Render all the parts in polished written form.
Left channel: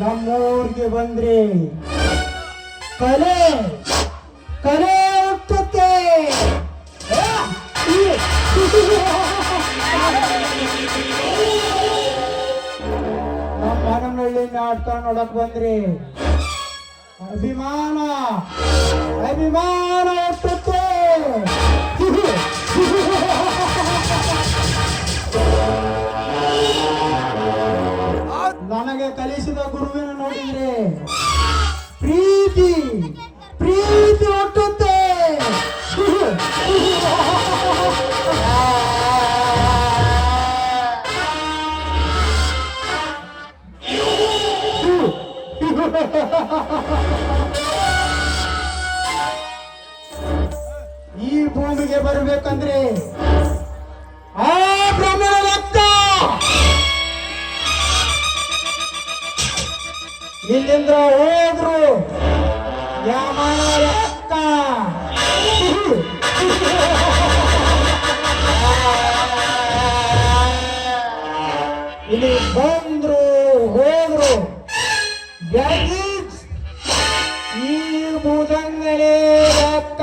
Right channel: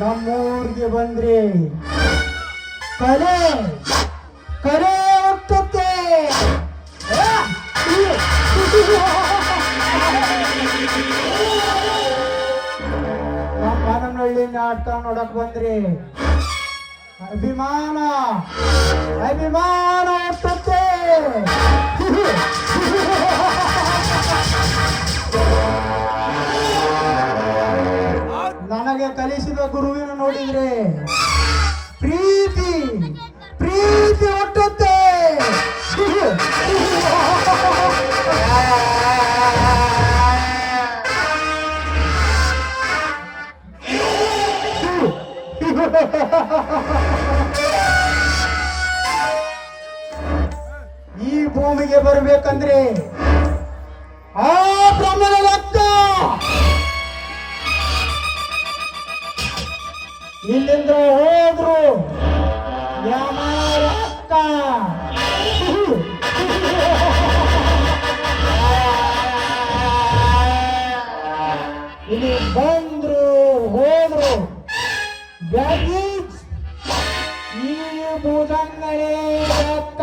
ನಮ್ಮೂರಿಗೆ ಬಂದ್ರೆ ಕಲೆ ಕಲೆ ಹುಟ್ಟುತ್ತೆ. ನಮ್ಮ ಮನನಹಳ್ಳಿ ನಾಟಕ ನೋಡಕ್ ಬಂದ್ರೆ ಅಭಿಮಾನ ಅಭಿಮಾನ ಹುಟ್ಟುತ್ತೆ. ನನಗೆ ಕಲಿಸಿದ ಗುರುವಿನ ನೋಡಿದ್ರೆ ಪ್ರೀತಿ ಪ್ರೀತಿ ಹುಟ್ಟುತ್ತೆ. ಈ ಭೂಮಿಗೆ ಬರಬೇಕಂದ್ರೆ ಆ ಬ್ರಹ್ಮನ ರಕ್ತ ಇಲ್ಲಿಂದ ಹೋದ್ರು ಯಾಮಾರ ಅಕ್ಕ ಇಲ್ಲಿ ಬಂದ್ರು ಹೋದ್ರು ಬ್ಯಾಗೀಜ್ ಈ ಭುಜಂಗಲೇ ಅಕ್ಕ.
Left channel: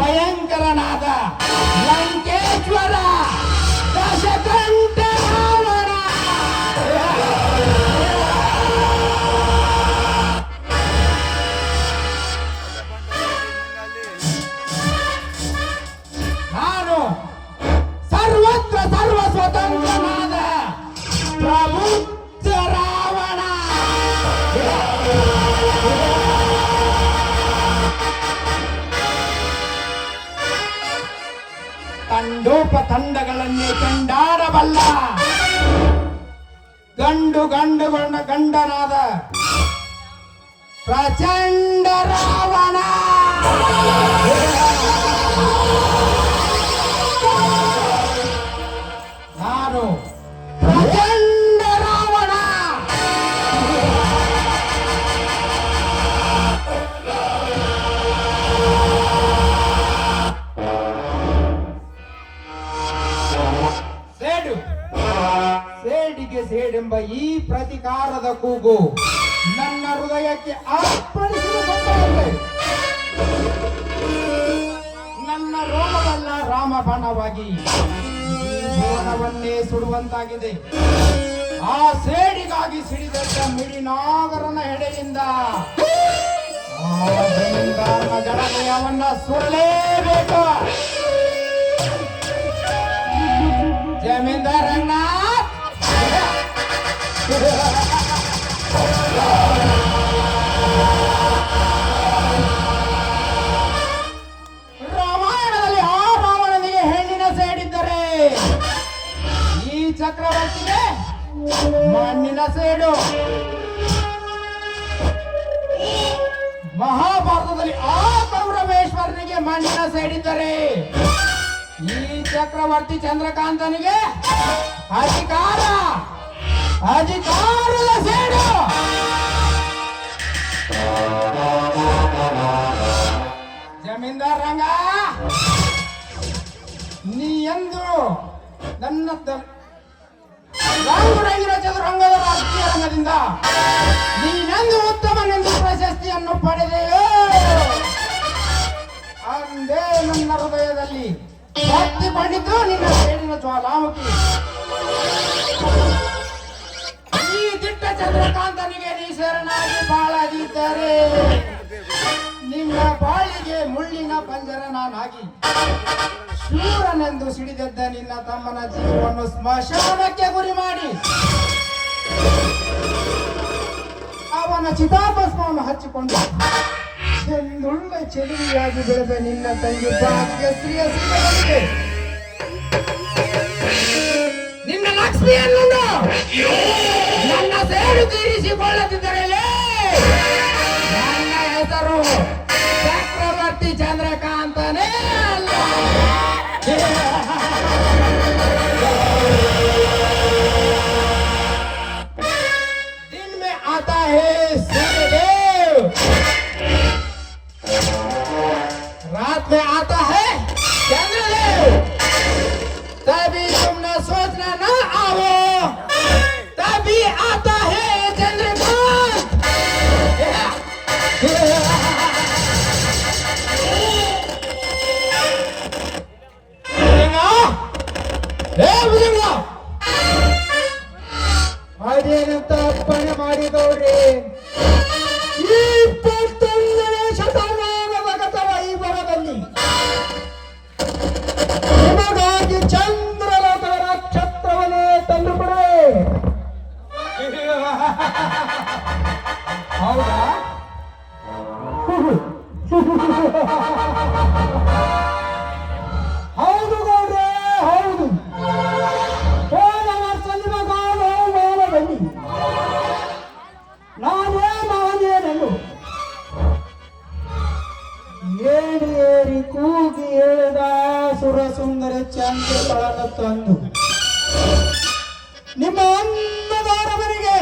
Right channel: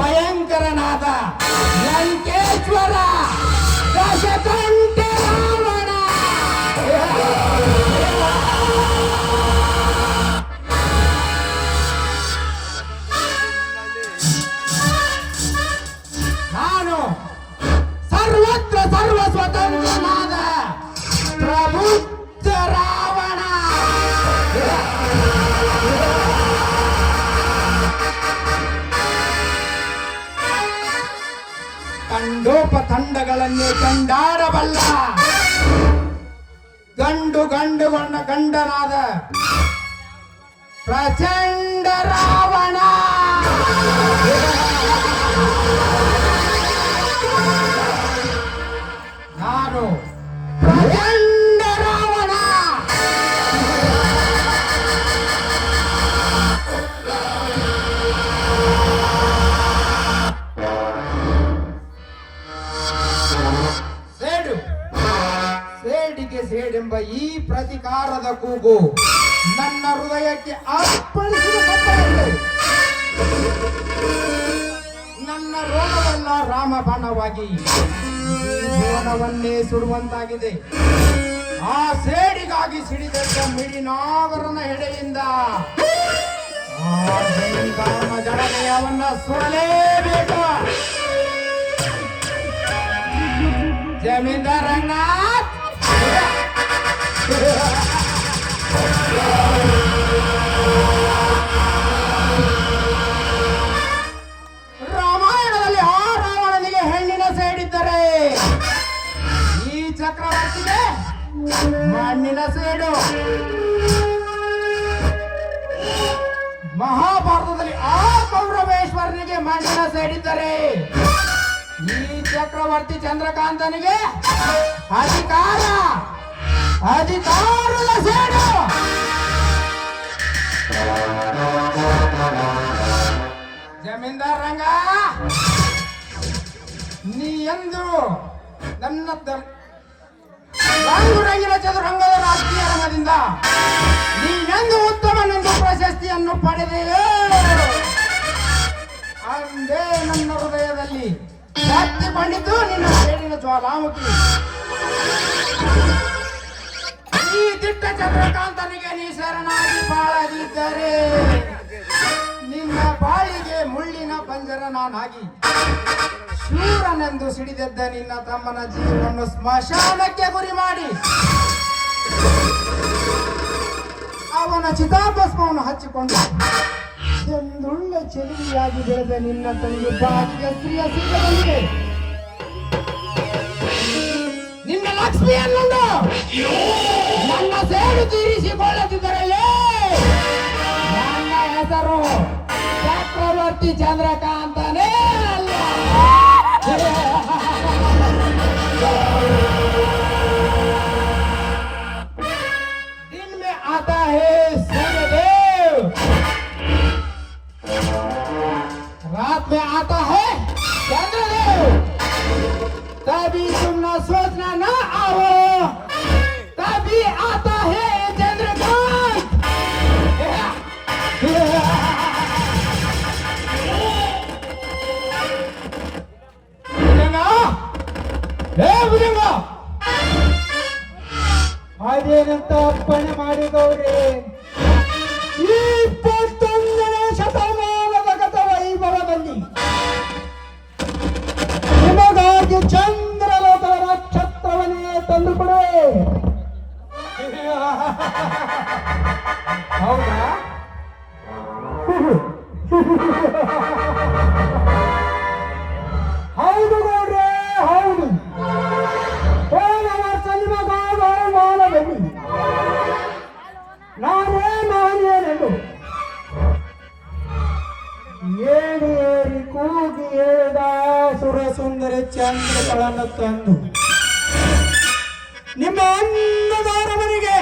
ಭಯಂಕರನಾದ ಲಂಕೇಶ್ವರ ದಶಕಂಠೆ ರಾವಣ. ನಾನು ಸರ್ವತ್ರ ಸರ್ವ ಸ್ವತಂತ್ರನಾದ ಪ್ರಬುದ್ಧ ರಾವಣ. ತಂಡೋಪತಂಡಗಳನ್ನೇ ಕಂಡಾಡಬಲ್ಲ ಗಂಡನಾದ ಪ್ರಚಂಡ ರಾವಣ. ನಾನು ಪ್ರಚಂಡ ರಾವಣ. ಸೇಡಿಗೆ ಸೇಡೆಂಬ ಈ ಪ್ರತಿಕಾರದ ಕೂಗು ನನ್ನ ಹೃದಯಕ್ಕೆ ಅರ್ಪಣಿಸಿದ ಸತ್ತಂತೆ. ನನ್ನ ರೋಗವೆಲ್ಲ ರಾಮಬಾಣವಾಗಿ ಭುವನವನ್ನೇ ಸುಡುವಂತಾಗಿದೆ. ಆ ಸೇಡಿಗಾಗಿ ಸಿಡಿದೆದ್ದ ಮಿಡಿನಾಗರನ ಹೆಡೆಯಿಂದ ಆ ಜಮೀನ್ದಾರನ ಜಡನೆ ಅವನ್ನ ಸುಡಲೇಬೇಕು. ಜಮೀನ್ದಾರ್ ರಂಗನಾಥ್, ರಾಮಾಯಣದಲ್ಲಿ ಆ ರಾವಣನಿಗೆ ಹೆಣ್ಣಿನ ಸೇಡಿದ್ದರೆ ಈ ಚಕ್ರವರ್ತಿಗೆ ಮಣ್ಣಿನ ಸೇಡು. ಮಹಾಭಾರತದಲ್ಲಿ ಆ ಕೌರವೇಶ್ವರನಿಗೆ ಮಣ್ಣಿನ ಸೇಡಿದ್ದರೆ ಈ ಚಕ್ರವರ್ತಿ ಚಂದ್ರಕಾಂತನಿಗೆ ಅಧಿಕಾರದ ಸೇಡು. ಜಮೀನ್ದಾರ್ ರಂಗ, ನೀ ಎಂದು ನನ್ನ ರಂಗುರಂಗಿನ ಚದುರಂಗದ ರಾಜಕೀಯ ರಂಗದಿಂದ ನೀನೆಂದು ಉತ್ತಮನೆಂದು ಪ್ರಶಸ್ತಿಯನ್ನು ಪಡೆದೆಯೋ ಅಂದೇ ನನ್ನ ಹೃದಯದಲ್ಲಿ ಶಕ್ತಿಗೊಂಡಿದ್ದು ನಿನ್ನ ಸೇಡಿನ ಜ್ವಾಲಾಮುಖಿ. ಈ ದಿಟ್ಟ ಚಂದ್ರಕಾಂತನಿಗೆ ನೀ ಶರಣಾಗಿ ಬಾಳದಿದ್ದರೆ ನಿನ್ನ ಬಾಳಿಗೆ ಮುಳ್ಳಿನ ಪಂಜರ ನಾನಾಗಿ ಶೂರನೆಂದು ಸಿಡಿದೆದ್ದ ನಿನ್ನ ತಮ್ಮನ ಜೀವವನ್ನು ಸ್ಮಶಾನಕ್ಕೆ ಗುರಿ ಮಾಡಿ ಅವನ ಚಿತಾಭಸ್ಮವನ್ನು ಹಚ್ಚಿಕೊಂಡು ಚೆಂದುಳ್ಳ ಚೆಲುವಿಯಾಗಿ ಬೆಳೆದ ನಿನ್ನ ತಂಗಿ ಭಾಗ್ಯಶ್ರೀಯ ಸಿದ್ಧಗೊಂಡಿದೆ. ನಿನ್ನ ಲಕ್ಷ್ಮಿಯನ್ನು ನನ್ನ ಸೇಡು ತೀರಿಸಿಕೊಳ್ಳದಿದ್ದರೆ ನನ್ನ ಹೆಸರು ಚಕ್ರವರ್ತಿ ಚಂದ್ರಕಾಂತನೇ ಅಲ್ಲ. दिन में आता है सूर्यदेव, रात में आता है चंद्रदेव. तभी तुम न सोचना न आओ, तभी आता है चंद्रकांत. ಅದೇನಂತ ಅಪ್ಪಣೆ ಮಾಡಿದವ್ರೆ. 21ನೇ ಶತಮಾನದ ಗತ ವೈಭವದಲ್ಲಿ ನಿಮಗಾಗಿ ಚಂದ್ರಲೋಕದ ನಕ್ಷತ್ರವನ್ನೇ ತಂದುಕೊಡುವೆ. ಹೌದಾ? ಹೌದು ಗೌಡ್ರೆ, ಹೌದು. ಹೋದ ವರ್ಷ ನಿಮಗಾದ ಮಾನದಲ್ಲಿ ನಾನೇ ಮಾನ್ಯನೆಂದು ಏರಿ ಏರಿ ಕೂಗಿ ಹೇಳಿದ ಸುರಸುಂದರ ಚಂದ್ರಕಳನ್ನು ತಂದು ನಿಮ್ಮ ಅನ್ನದಾರವರಿಗೆ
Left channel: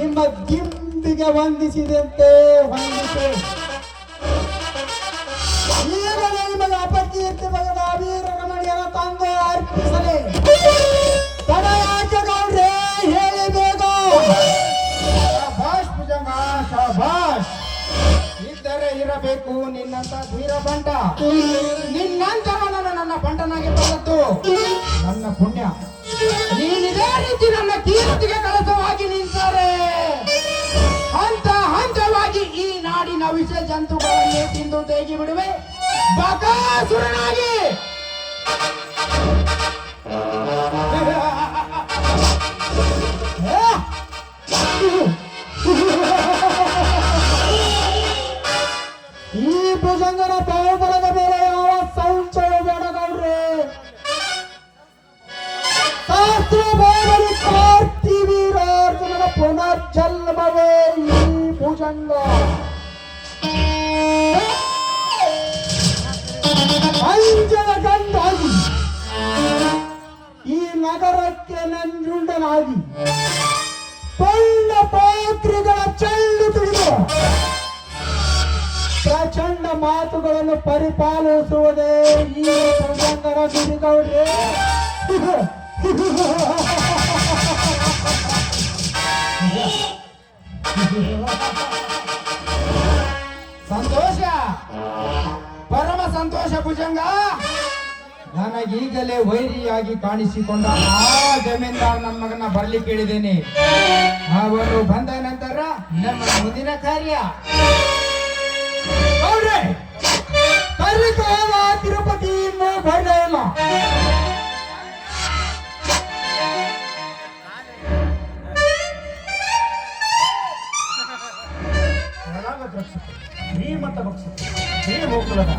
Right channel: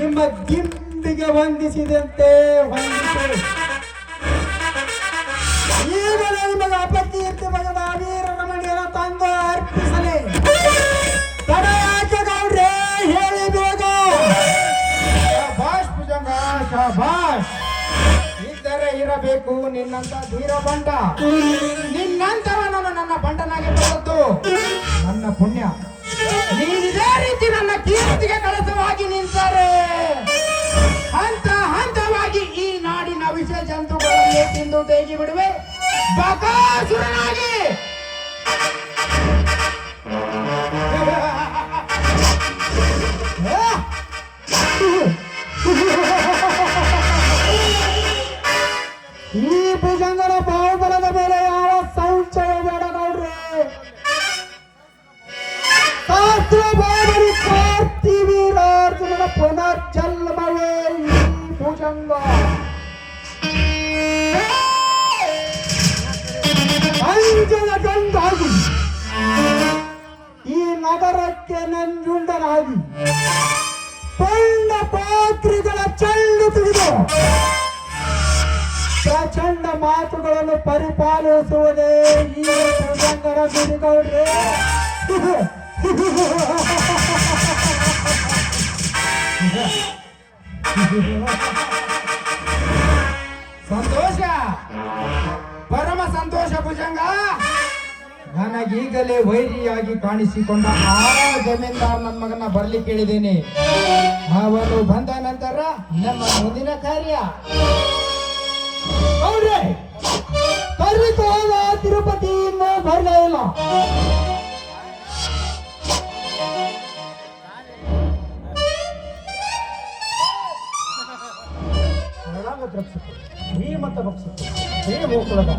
ನಿಮ್ಮ ದಿಂಬಿಗೆ ವಂದಿಸಿದಂತೆ ವಂದಿಸಿ ಈಗಲೇ ನಿಮಗೆ ಅಪಕೀರ್ತಿ ಬಗೆದ ವೀರರಮಣಿಯನ್ನು ತಂದು ಅರ್ಪಿಸಲೇ. ತಡ ಯಾಕೆ ಗೌಡ್ರೆ, ಹೇಳಿ ಬೇಗ. ಶಾಬಾಷ್ ಭುಜಂಗ, ಶಾಬಾಷ್. ಇದ್ದರೆ ಇರಬೇಕು ನಿನ್ನಂತ ಧೀರ ಬಂಟ. ನಿನ್ನಂತರ ನಾನು ನನ್ನ ಬಂಟನಾಗಿ ಬಂದದ್ದು ನನ್ನ ಪುಣ್ಯ. ನೀನಿದೇ ರೀತಿ ನನ್ನ ಕೀರ್ತಿಗೆ ಕಳಸವಾಗಿ ನಿಂತರೆ ಹಂತ ಹಂತವಾಗಿ ಈ ನಾಡಿನ ವಿಷ ಜಂತುಗಳನ್ನೇ ತಿಂದು ತೇಗಿ ಬಿಡುವೆ ಬಕಾಸುರನಾಗಿ. ಈ ಭುಜಂಗನ ಬಾಹುಬಲದ ಮೇಲೆ ಯಾವ ಸಂಶಯ ಬೇಡ ಗೌಡ್ರೆ. ಶಾಸ್ತ್ರ ಬಾಬರಿ ಕಾರ್ತಿವೀರಾರ್ಜುನನ ಪುನರ್ಜನ್ಮವೇ ಈ ಭುಜಂಗ. ಅಂಜನ ಗಂಧಾಗಿ ಈ ನಗರಕ್ಕೆ ನಂಜುಂಡನಾಗಿ ಪಳ್ಳ ಪಾತ್ರಿಗಳ ಚೆಲ್ಲು ತುಳಿದು ಪ್ರಚಂಡ ಮಾತುಗಳನ್ನು ಪರಿಪಾಲಿಸುವುದೇ ಈ ಭುಜಂಗರ ಗುರಿಗೌಡ್ರೆ. ಸಂತೋಷ, ಪರಮ ಸಂತೋಷ ಭುಜಂಗ. ನನಗೀಗಲೇ ವೈರಿಯಾಗಿ ಕಾಣಿಸಿಕೊಂಡ ಆ ಜಮೀನ್ದಾರ್ ನನ್ನ ಮಗನ ಬರ್ಲಿಕ್ಕೆ ಹೇಳಿದ್ದೇನೆ. ಅವರು ಬಂದ ನಂತರ ನಮ್ಮ ಮುಂದಿನ ಕಾರ್ಯ. ಗೌಡ್ರೆ, ಕರಿತಾವ ತಿರುಪತಿ ಇನ್ನೂ ಬರಲೇ ಇಲ್ಲ. ಶ್ರೀಮಂತ ಭಕ್ಸು ಶ್ರೀಮೂಕುಲದ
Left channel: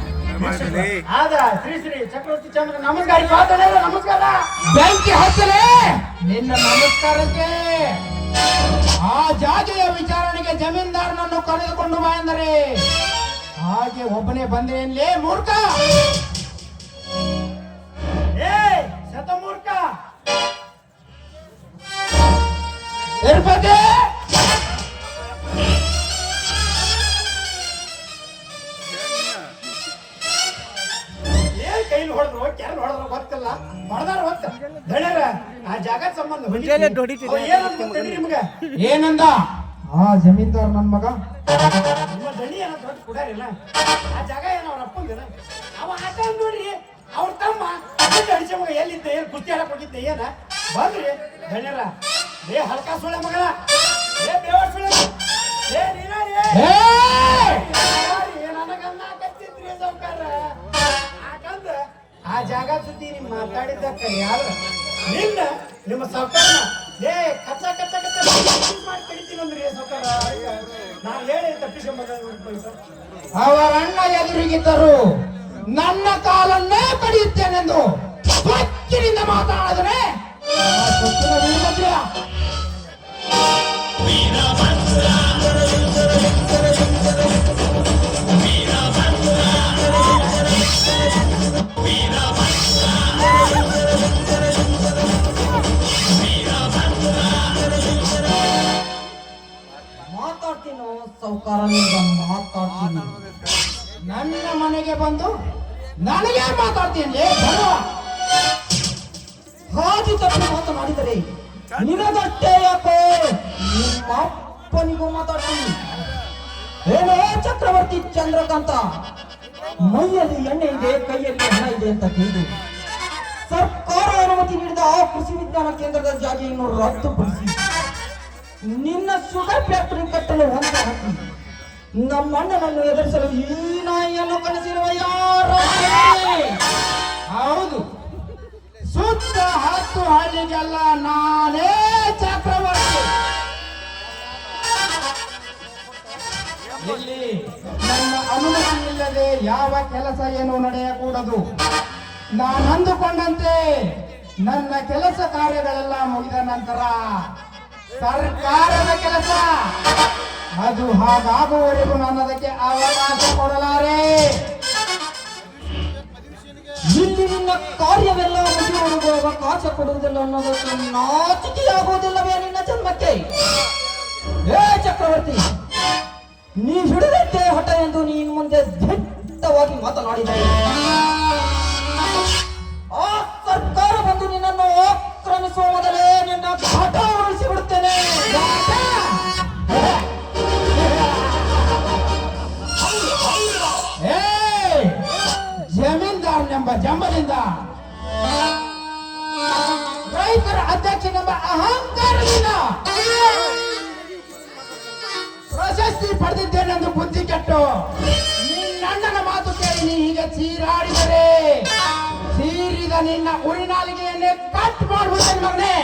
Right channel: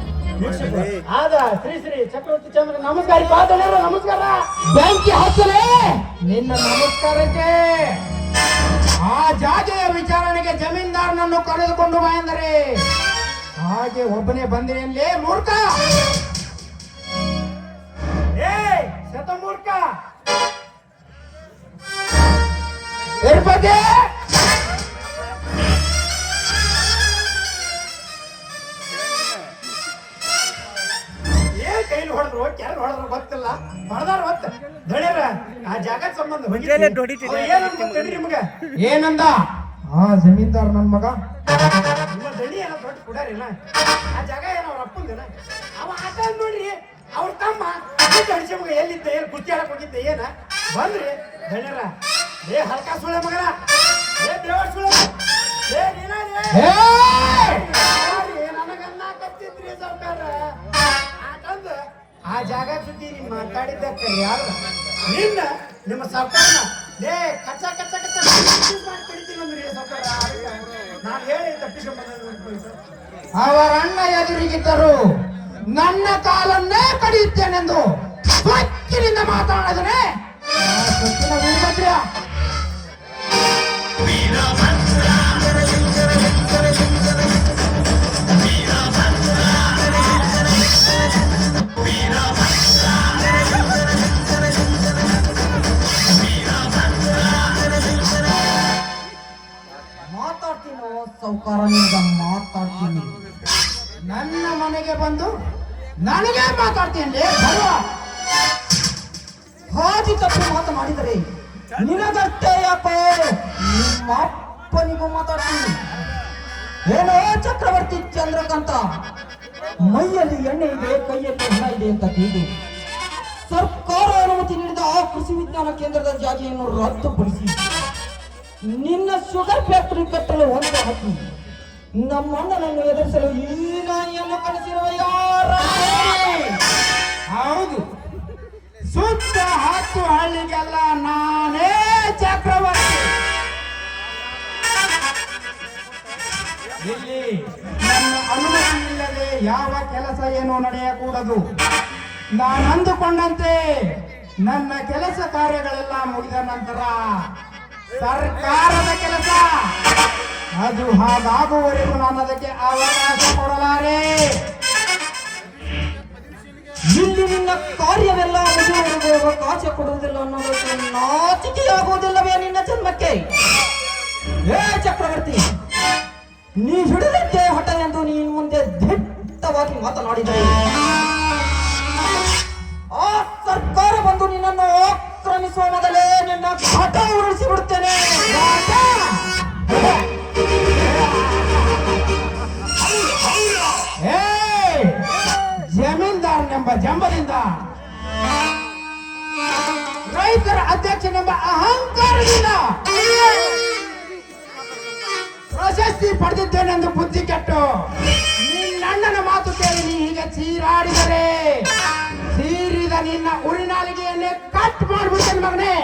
ಆದ ಶ್ರೀ ಶ್ರೀ ಚಕ್ರವರ್ತಿ ಚಂದ್ರ ನಮಸ್ಕಾರ. ಪಾದನೆಲ್ಲ ನಮಸ್ಕಾರ. ಬೆಂಕಿ ಹಚ್ಚಲೇ ನಿನ್ನ ನಮಸ್ಕಾರಕ್ಕೆ. ಆ ಜಾಗೆಯ ವಿಚಾರಣೆಗೆ ಜಮೀನ್ದಾರನನ್ನು ಕರೆದುಕೊಂಡು ಬಾ ಎಂದರೆ ಹಾಗೆ ಒಬ್ಬನೇ ಬಂದೇನ್ಲೇ ಮೂರ್ಖ. ಏ ಶತಮೂರ್ಖ, ತಿರುಪತಿ ಏನ್ ಕೈಲಿ ಹೊಡೆದ್ರು ಕೆರೆ ಹೊಡೆದ್ರು ಗೊತ್ತಿಲ್ಲ. ಹೊಡೆದಾರ ಹೊತ್ತ ದಳ್ಯಾರ ಆ ಜಾಗ ಸಂಬಂಧ ನಿಮ್ಗೆ ಏನಂದ ಆ ಜಮೀನ್ದಾರ್ ನನ್ ಮಗ? ನಿಮ್ಮ ದಳಿ ಏನೋ ದೊಡ್ಡ ಕುಡಾರಿಲ್ಲ. ಆ ಜಾಗ ಏನೋ ಅವ್ರ ಅಪ್ಪಂದಿನ ಅವ ಆಟ ನೋಡ್ರಿ. ಅವ್ರ ತಮ್ಮ ಅಡಿಸಿ ಮಗ ಎಲ್ಲಿದ್ದ, ಏನ್ ಕುಸ್ತಿ ಆಡಕ್ ಹೋಗಿದ್ದ, ಏನ ಬಂದ್ರಿ ದಳ್ಯಾರ. ಏ ಹಲ್ಕ ಸುಳ್ಳೆ ಮಗಳ, ಏ ದೇವರ ಸುಳ್ಳೆ, ಏ ನೀನ ನನಗನ್ನ ಕತ್ತಿದ್ರಿ ಸಾವ್ಕಾರ. ಆಟಂದ ಆ ಜಾಗ ಸುದ್ದಿ ನೀನ್ ಮಾತಾಡಿದ್ದಕ್ಕ ಯಾರು ನಿನ್ನ ನಿಮ್ಮ ಸಾವ್ಕಾರನ ಏ ಕಚ್ಚ ಕಚ್ಚ ಕಚ್ಚ ಮಾಡಿ ಕಡಿತೀನಿ ಅಂದ್ರಿ ಸಾವ್ಕಾರ. ನಾನು ಹೇಳಿ ತಪ್ಪಿಸ್ಕೊಂಬ. ಅವರ ಅಣ್ಣ ಎದುರಿಗಿದ್ದರು ನನ್ನ ಕಾಲನ್ನೇ ಕಡಿಯುತ್ತೇನೆಂದು ಸ್ವಚ್ಛರಿಂದ ಮಾತಾಡಿದ್ರೆ ಸ್ವಚ್ಛನ ವೀರಭದ್ರ. ಮಾತಾಡ್ತೀನೋ ಸೌಕಾರ, ನಿಂದ ಮಾತಾಡ್ತೀನಿ. ನನ್ನ ಮನೆಗೆ ಬಂದು ನನಗೆ ಮಾತಾಡ್ತೀನಿ. ಹಾದಿ ತಪ್ಪು ಮಾತನಾಡಿದರೆ ನಿನಗಷ್ಟೇ ಯಾಕೋ ನಿಮ್ಮ ಅಪ್ಪನಿಗೂ ಮಾತಾಡ್ತೀನಿ. ಏನೋ ಚಕ್ರವರ್ತಿ ಚಂದ್ರಕಾಂತ, ಮೈಯಲ್ಲಿ ಎಣ್ಣೆ ಇದೆ, ಕೈಯಲ್ಲಿ ಹಣ ಇದೆ ಅಂತ ಕೇಳಿ ಸರ್ಕಾರ ಅನುಮತಿ ನೀಡಿದ ಆ ಕೃಷಿ ವಿಜ್ಞಾನ ಕೇಂದ್ರದ ಜಾಗೆಯನ್ನು ರದ್ದುಪಡಿಸಿ ನಿನ್ನ ಶುಗರ್ ಫ್ಯಾಕ್ಟರಿ ಕಟ್ಟಲು ಹೊಂದ ಹಾಕಿ ನಮ್ಮ ಅಣ್ಣನನ್ನು ಎದುರಿಸಲು ಈ ನಾಯಿಯನ್ನು ಕಳಿಸಿರುವ ಯಾರ? ಹೌದು, ಸುತ್ತ 10 ಹಳ್ಳಿಗೆಲ್ಲ ನಾನೇ ಚಕ್ರವರ್ತಿ. ಇಲ್ಲಿ ನನ್ನ ಅನುಮತಿ ಇಲ್ಲದೆ ಯಾವ ಕೆಲಸ ಏನು ನಡೆಯಕೂಡದು. ನಾನು ಅಂದುಕೊಂಡಂತೆ ನನ್ನ ಕೆಲಸ ಕಾರ್ಯಗಳೆಲ್ಲ ಮುಗಿದ ನಂತರ ಸರ್ಕಾರದ ಕೆಲಸ ಅದು ಹಾಗಾಗುವವರೆಗೂ ನಾನು ಅದಕ್ಕೆ ಅವಕಾಶ ಕೊಡಲಾರೆ. ಇಲ್ಲಿ ನಿನ್ನ ಕಾರ್ಯವೆಲ್ಲ ಮುಗಿಯುವವರೆಗೂ ಅವಕಾಶ ಕೊಡುವುದಿಲ್ಲ ಅನ್ನೋದಕ್ಕೆ ನಾಚಿಕೆಯಾಗುವುದಿಲ್ಲವೇ ನಿನ್ನ ಜನ್ಮಕ್ಕೆ? ಏ ಚಕ್ರವರ್ತಿ, ನೀ ಹಿಡಿದಂತೆ ಹಠ ಎಂದು ನೀನು ಮುಂದೆ ದಿಟ್ಟವಾಗಿ ಮಾತನಾಡಿದರೆ ಆ ಸರ್ಕಾರ ಬಂದು ನಿನ್ನನ್ನು ಆಕ್ರಮಿಸುವ ಮೊದಲೇ ನಿನ್ನ ಹಠ ಉರುಳಿಸಿ ಬಿಡುತ್ತೇನೆ. ಯುವಕರ ಅಧ್ಯಕ್ಷನೆಂಬ ಅಹಂಕಾರದಿಂದ ಪ್ರಶಸ್ತಿ ಪಡೆದಿದ್ದೇನೆಂದು ಬುದ್ಧಿ ಕೆಟ್ಟು ನಿನ್ನಣ್ಣನ ಮಾತು ಕೇಳಿ ನೀ ಹೀಗೆ ಚೀರಾಡಿದರೆ ಚೀರಿದ ನಿನ್ನ ಉರಿನಾಲಿಗೆಯನ್ನೇ ಕಟ್ ಮಾಡ್ಬಿಡ್ತೇನೆ ಮಗನೇ.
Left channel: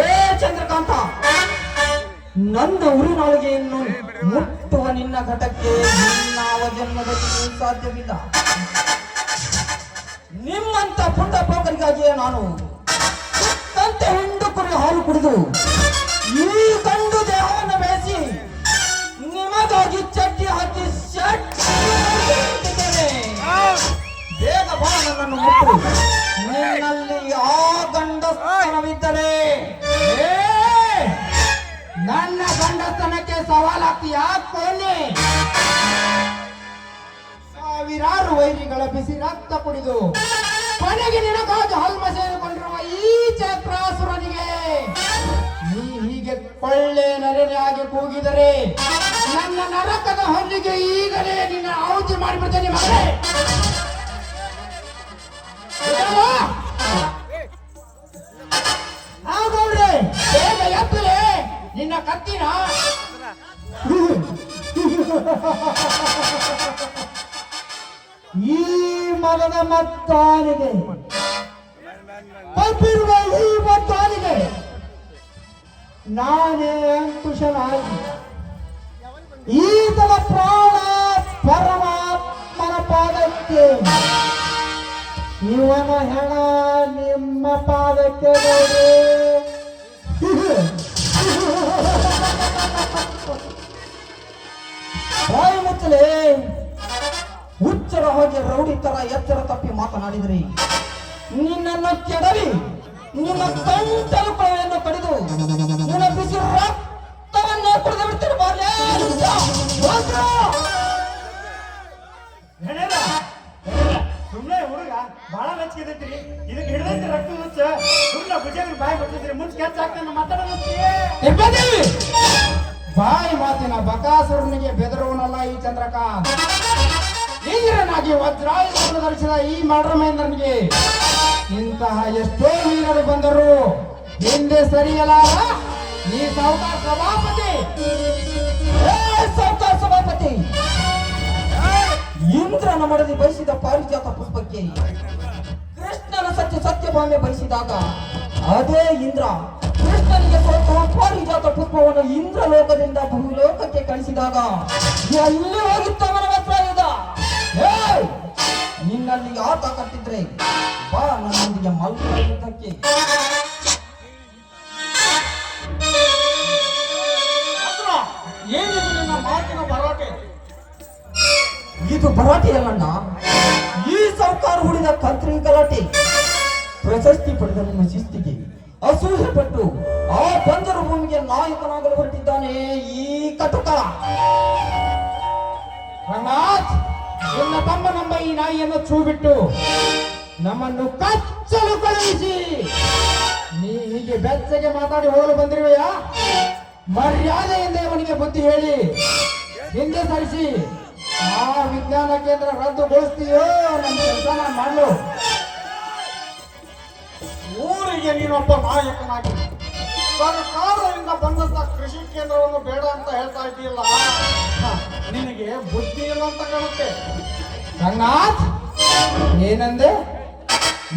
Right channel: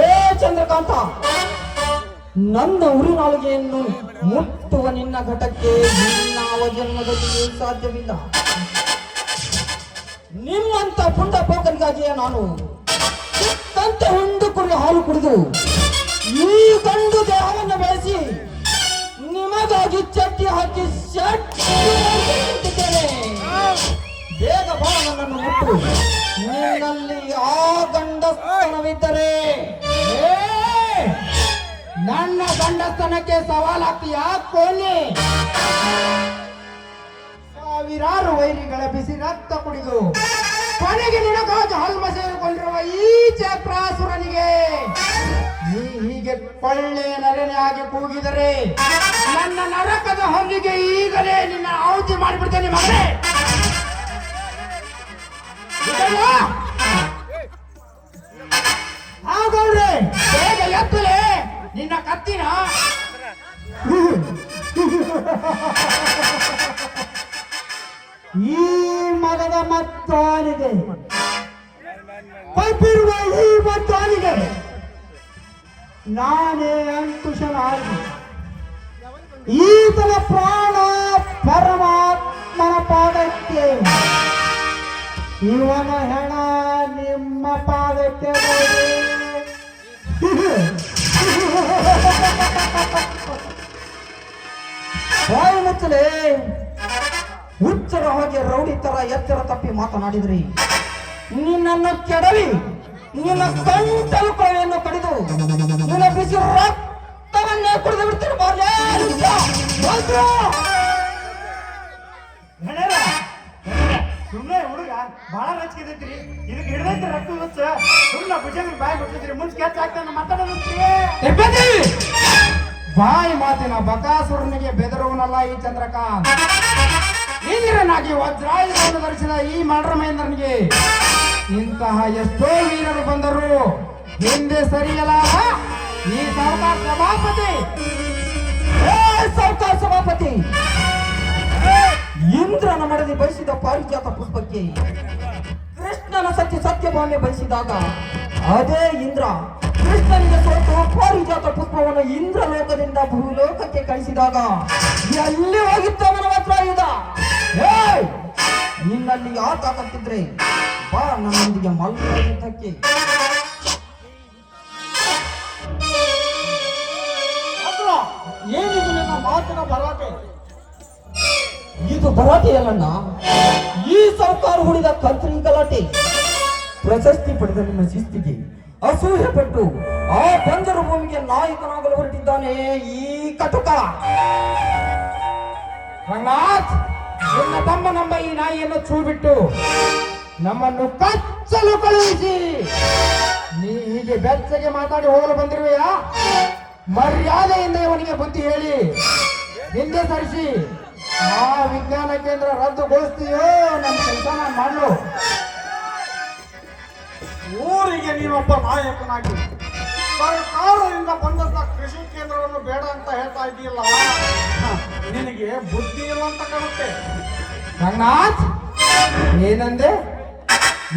ಏ ಚಂದ್ರಕಾಂತ, ನನ್ನ ಉರಿನಾಳಿಗೆಯನ್ನು ಮುಟ್ಟುವ ನಿನ್ನ ಘಟಕ್ಕೆ ನಿನ್ನಾವ ಜನ್ಮದಲ್ಲಿ ಸಾಧ್ಯವಿಲ್ಲ. ನಿಮ್ಮಂತ ಪುಂಡ ಪೋಕರಿಗಾಗಿಯೇ ನಾನು ಸುತ್ತಂತೆ ಹುಂಡು ಕುರಿ ಹಾಲು ಕುಡಿದು ಈ ಗಂಡು ದೇಹವನ್ನು ಬೇಯಿಸಿ ನಿಮಗಾಗಿ ಚಟ್ಟಿ ಹಾಕಿ ಶಟ್ಟಿದ್ದೇನೆ. ಬೇಗ ಬಾ, ನನ್ನನ್ನು ಮುಟ್ಟು. ನಿನ್ನಲ್ಲಿ ಆ ಗಂಡಸ್ತನವಿದ್ದರೆ ನನ್ನ ಗಂಡಸ್ತನಕ್ಕೆ ಸವಾಲಾಗ್ತೀಯಾ ಕೋಲಿ? ಸಾವಿರಾರು ವೈರಿಗಳ ಬಿಸಿ ರಕ್ತ ಕುಡಿದು ಕೊನೆಗೆ ನಿನಗಾಗಿ ಹಲ್ಮ ಸೇರಿಕೊಂಡಿರುವ ಈ ಚಕ್ರಾಸುರನಿಗೆ ನೀ ಹೀಗೆ ಕೊಳ್ಳೆ ನರನೆಯಾಗಿ ಕೂಗಿದರೆ ನನ್ನ ನರಕದ ಹೊನ್ನಿಗೆ ಈಗಲೇ ನಿನ್ನ ಆಹುತಿ ಮಾಡಿಬಿಡ್ತೇನೆ ಮಗನೇ. ಹಾಗೌಡ್ರೆ, ಬೇಗ ಎತ್ತಲೆ ನಿನ್ನ ಕತ್ತಿನ. ಈ ಮನದ ಮತ್ತಾನಿದೆ, ಪೈಪಿರುವ ಈ ಮತ್ತಾನಿಗೆ ನಾನೇ ಅಂಕುಶನಾಗಿ ಈತನ ಪ್ರಾಣ ಪರಮಾತ್ಮನ ಪಾದಕ್ಕೆ, ಇವನ ಹೆಣ ನಿಮ್ಮ ಪಾದಕ್ಕೆ ನೋಡಿ. ಬಾಯಿ ಮುಚ್ಚಲೇ, ಹುಚ್ಚರ ಹಾಗೆ ರೌಡಿ ತರ ಎಚ್ಚರ ತಪ್ಪಿ ಮಾತನಾಡಿದ್ರಿ. ನಿನ್ನನ್ನು ಕೆಡವಿ ನಿನ್ನ ಗಂಟಲು ಕೊಳೆಯನ್ನು ಕಡಿದು ನಿನ್ನ ಬಿಸಿ ರಕ್ತವನ್ನೇ ಕುಡಿದು ಬಿಡ್ತೀನಿ. ಬಾರ್ಲೇ ಸುಮ್ಮನೆ ಹುಡುಗ ಬಹಳ ನಚ್ಕಿದೈತ್ರಿ. ಇದಕ್ಕೆ ಹಿಡಿದೈತಿ ರಕ್ತ ನುಚ್ಚ. ಸುಮ್ಮನೆ ಭುಜಂಗ ಬಾಯಿ ಬಿಟ್ಟಿದ್ರಿ, ಮುಂಚೆ ಕೆಚ್ಚ ಹಾಕ್ತಾನ ಮಾತಾಡೋದ್ರಿ. ಬಾಯಿ ಮಾತಿನ ಬಕಾಸುರನಿಗೆ ಬೆದರುವನಲ್ಲ ಈ ಚಂದ್ರಕಾಂತ್. ಇಂದ್ರನಾಗಿ ವಜ್ರಾಯುಧವನ್ನು ಧರಿಸಿದ ಈ ಮಡ್ರಮೇಂದ್ರನಿಗೆ ಇಂತಹ ಎಷ್ಟೋ ವೀರರು ಬಂದರು ಹಿಂದೆ ಸರಿಯಲಾರ ಈ ಸಾವುಕಾರ ಸಭಾಪತಿ. ಸಾವುಕಾರ ಸಭಾಪತಿ, ಇಂದ್ರನ ಮಡದಿ ಬಯಸಿದ ಪಾರಿಜಾತ ಪುಷ್ಪಕ್ಕೆ ಕೃಷ್ಣನ ಸತ್ಯಭಾಮೆ ಬಯಸಿದಾಗ ಅದೇ ಇಂದ್ರ ಕೃಷ್ಣನಿಗೆ ಸೋತು ಪಾರಿಜಾತ ಪುಷ್ಪವನ್ನು ಇಂದ್ರ ಲೋಕದಿಂದ ಭೂಲೋಕಕ್ಕೆ ಕಳಿಸಿದಾಗ ಎಲ್ಲಿ ಹೋಗಿತ್ತು ನನ್ನ ವಜ್ರಾಯುಧ? ನಿನ್ನಲ್ಲಿ ಆಟ ಕಟ್ಟಿದ್ರೆ ಬಾ ನನ್ನೊಂದಿಗೆ ಮಲ್ಕೊಳ್ಳುವುದಕ್ಕೆ. ಏನಿದು ನಿಮ್ಮ ಮಾತಿನ ಭರಾಟೆ? ಇದು ಭರಾಟೆಯಲ್ಲಣ್ಣ, ಈ ಸರ್ಕಾರ ಹುಡಿದ ಕಂತ್ರಿ ಗಲಾಟೆ. ಪ್ರಶಸ್ತಿ ಪಡೆದ ನಿಮ್ಮ ಶಿಸ್ತಿಗೆ ಅಸೂಹೆ ಪಟ್ಟು ಆ ಬಂಜರು ಭೂಮಿಗೆ ನಾಯಕನಾಗಲು ಹೊರಟಿದ್ದಾನೆ ಈ ಕಟುಕ. ರಂಗನಾಥ್, ನಿನ್ನ ತಮ್ಮ ನಮ್ಮ ಈ ನಾಯಿಯನ್ನು ಛೂ ಬಿಟ್ಟು ನಮ್ಮನ್ನು ಕಚ್ಚಲು ಕಳುಹಿಸಿ ನೀ ಹೀಗೆ ಬೆಚ್ಚಗೆ ಮಾತಾಡಿ ಹೋಗಲು ಬಂದಿರುವೆಯಾ? ಮರ್ಯಾದೆಯಿಂದ ಇವನಿಗೆ ಬುದ್ಧಿ ಹೇಳಿ ಹಿಂದೆ ಸರಿಸಿ ಆ ವಿಜ್ಞಾನ ಕೇಂದ್ರ ರದ್ದುಗೊಳಿಸ್ತೀಯೋ ನನ್ನ ಕೆಲಸ ನಾನು ಮಾಡಲು. ಊರಿಗೆ ನೀನೊಬ್ಬ ನಾಯಕನಾಗಿ ಸರ್ಕಾರದಿಂದ ಬಂದಂತ ಕೃಷಿ ಕೇಂದ್ರವನ್ನು ಬೇಡ ಅಂತ ಹೇಳ್ತಾ ಇದ್ದೀಯಲ್ಲ, ನಿನಗೆ ಬುದ್ಧಿ ಇಲ್ಲ ಅಂತ ಕಾಣುತ್ತೆ. ರಂಗನಾಥ್, ಏನಂದೆ?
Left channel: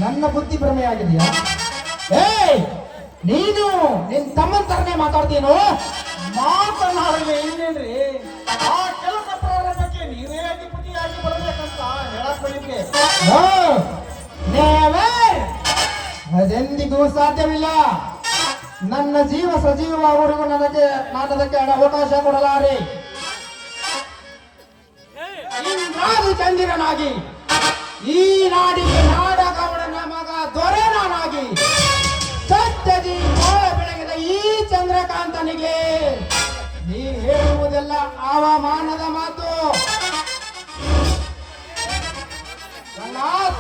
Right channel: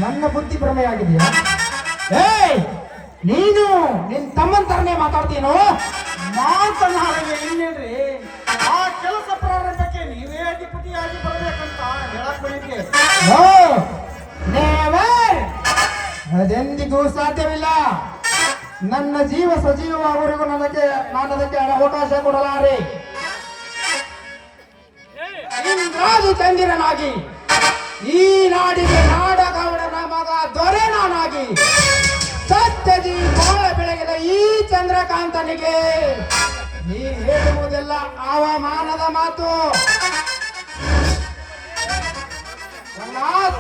ನನ್ನ ಬುದ್ಧಿ ಭ್ರಮೆಯಾಗಿದೆಯಾ? ನೀನು ನಿನ್ ತಮ್ಮನ ತರನೇ ಮಾತಾಡ್ತೀನೋ? ಮಾತನಾಡಲಿ ಇನ್ನೇನ್ರಿ, ಆ ಕೆಲಸ ಪ್ರಾರಂಭಕ್ಕೆ ನೀವೇ ಅಧಿಪತಿಯಾಗಿ ಬರಬೇಕಂತ ಹೇಳಕ್ ಬಂದಿದ್ದೆ. ನೆವರ್, ಅದೆಂದಿಗೂ ಸಾಧ್ಯವಿಲ್ಲ. ನನ್ನ ಜೀವ ಸಜೀವವರೆಗೂ ನಾನು ಅದಕ್ಕೆ ಅವಕಾಶ ಕೊಡಲಾರೆ. ಇಂದ್ರಾದಿ ಚಂದಿರನಾಗಿ ಈ ನಾಡಿಗೆ ನಾಡಗೌಡನ ಮಗ ದೊರೆ ನಾನಾಗಿ ಸತ್ಯದಿ ಬಾಳ ಬೆಳಗಿದ ಈ ಚಂದ್ರಕಾಂತನಿಗೆ ನೀ ಹೇಳುವುದೆಲ್ಲ ಅವಮಾನದ ಮಾತು. ರಂಗನಾಥ್,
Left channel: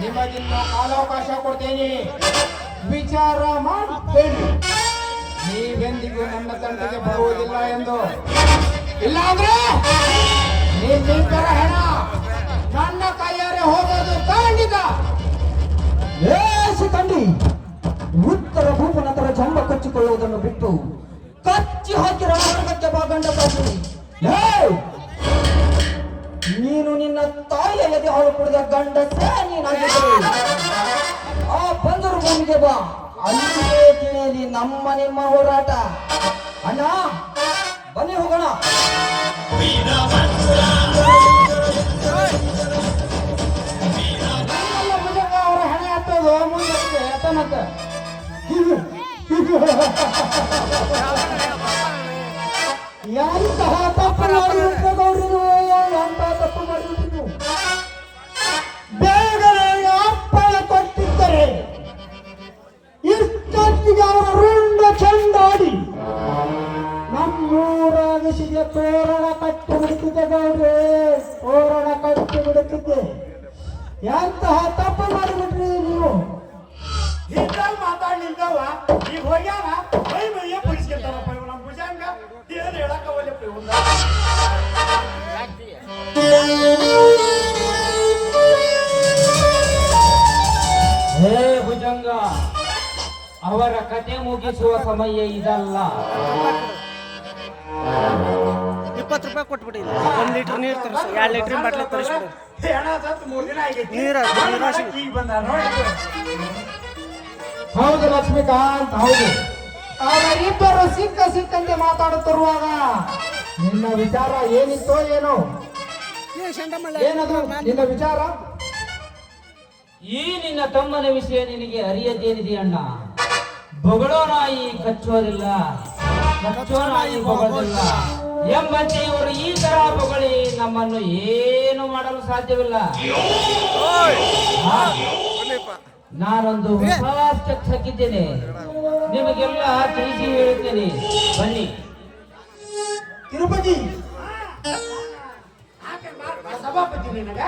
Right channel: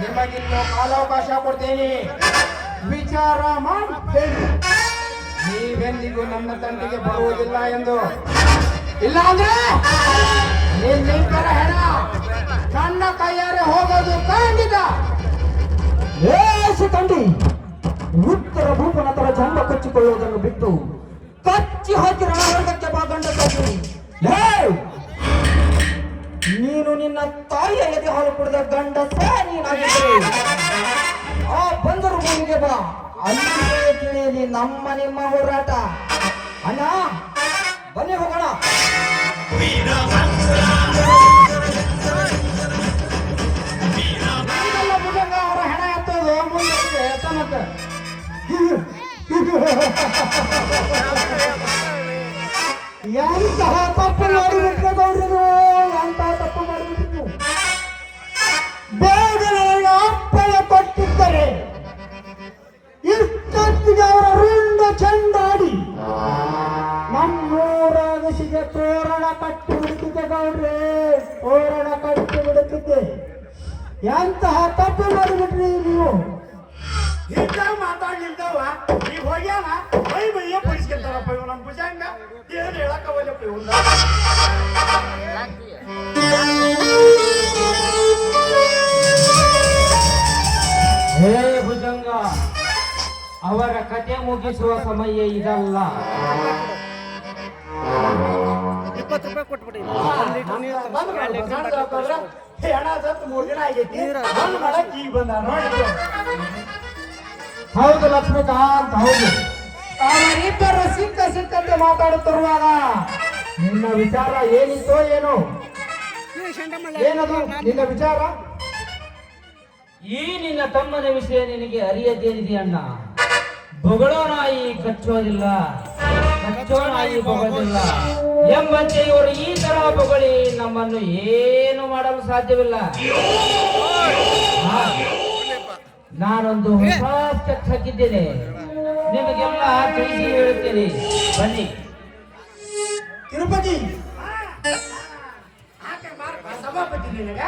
ನಿಮಗಿನ್ನೂ ಕಾಲಾವಕಾಶ ಕೊಡ್ತೇನೆ. ವಿಚಾರ ಮಾಡಿ ಹೇಳಿ, ನೀವೆಂದಿಗೂ ನಮ್ಮ ತಂಟೆಗೆ ಬರುವುದಿಲ್ಲ ಎಂದು. ಇಲ್ಲ ಅಂದ್ರೆ ನಿಮ್ಮಿಬ್ಬರ ಹೆಣ ನನ್ನ ಕೈಯಾರೆ ಹೋಗೋದು ಖಂಡಿತ. ಶಿಖಂಡಿ, ಉತ್ತರ ಭೂಪನತರ ಜಂಬ ಕಚ್ಚಿಕೊಳ್ಳುವುದನ್ನು ಬಿಟ್ಟು ಕಚ್ಚಿ ಹಾಕಿ ರಣರಂಗಕ್ಕೆ ಬಾ ಗಂಡಸಾಗಿ. ನೀನು ನಿನ್ನ ತಾಯಿಯ ಎದೆ ಹಾಲು ಕುಡಿದ ಗಂಡಸೇ ನೀನಾಗಿದ್ದರೆ ಆ ಬಂದರು ಭೂಮಿಗೆ ಬಾ. ಅಲ್ಲಿಯೇ ತಿಳಿಯಲಿ ನಮ್ಮ ನಿಮ್ಮ ಹೋರಾಟ. ಅಣ್ಣ ಬನ್ನಿ ಹೋಗೋಣ. ಅವರ ಹಣ ಎತ್ತೋದು ಮುಂದೆ ಎತ್ತನತ್ತ. ಎಂತಹ ತಪ್ಪು ಮಾಡಿಬಿಟ್ಟು ಗೌರನು, ಎಂತಹ ತಪ್ಪು ಮಾಡಿಬಿಟ್ಟು ಬೇಗನೆ ಅಪ್ಪನ ಕೊಟ್ಟಿದ್ದರೆ ಇಷ್ಟೊತ್ತಿಗೆ ಅವರ ರುಂಡ ಚೆಂಡಾಡಿ ನಮ್ಮೂರಾಗಿಸಿಗೆ ತೋರಣ ಕಟ್ಟಿ ಬಿಡುತ್ತಿದ್ದೆ ಗೌಡ್ರೆ, ತೋರಣ ಕಟ್ಟಿ ಬಿಡುತ್ತಿದ್ದೆ. ಎಂತಹ ತಪ್ಪು ಮಾಡಿಬಿಟ್ರಿ ನೀವು. ಮಾತಾಡ್ಲಿಲ್ದವ ಈಗ ಹೋಗ್ಯಾನ ಬೈ ಬೈಯ ಬಿಡಿಸ್ಕೊಂತಾರಪ್ಪ ಇವ್ ನಮ್ಮ ಭುಜಂಗ ಏನು ಹೇಳಕ್ಕವಲ್ಲಪ್ಪ ಇವ್ನ. ಹೇ ಭುಜಂಗ, ಅವರ ಕತೆ ಮುಗಿಸುವ ಸಮಯ ಇದಲ್ಲ. 20 ರೂಪಾಯಿ ಕೊಟ್ಬಿಡಿ. 1 ಲೀಟರ್ ನೀರು 2 ಲೀಟರ್ ಬಾಟ್ಲಿ ತರಿಸ್ಬಿಡು. ಹೆಣ ಸತ್ತು 3 ದಿನ ಆಗೈತಿ. ನೀರ ಈಗ ಬಂದ ನೋಡಿ. ಹೌದು ಲಕ್ಷ್ಮೀಕಾಂತ್, ಹೌದು. ಅವರಿಬ್ಬರು ಸಿಕ್ಕಂತೆ ಮಾತಾಡುತ್ತಿರುವಾಗ ನಿನ್ನ ವಿಚಾರ ಏನಿತ್ತೋ ಏನೋ? ಏನದು ನಿನ್ನ ವಿಚಾರ? ಈ ನಿನ್ನ ತಮ್ಮನ ವಿಷಯ ನಿನಗೆ ಅರಿಯದೇನಿದೆ ಅಣ್ಣ. ಬೊಗಳೋ ನಾಯಿ ಕಚ್ಚೋದಿಲ್ಲ, ಕಚ್ಚೋ ನಾಯಿ ಬೊಗೋದಿಲ್ಲ ಎಂಬಂತೆ ಇವರು ಈ ತರ ಬೊಗಳಿ ನಮ್ಮನ್ನು ಏನು ಮಾಡಲು ಸಾಧ್ಯವಿಲ್ಲ. ನಾನೊಂದು ಹೊಸ ಸ್ಟೆಪ್ ಹಾಕಿದ್ದೇನೆ, ನಿಮಗೆಲ್ಲ ತಿಳಿಸಿ ಹೇಳುತ್ತೇನೆ. ಬನ್ನಿ. ತಿರುಪತಿ ಸಭಾಪತಿ ನಿನಗ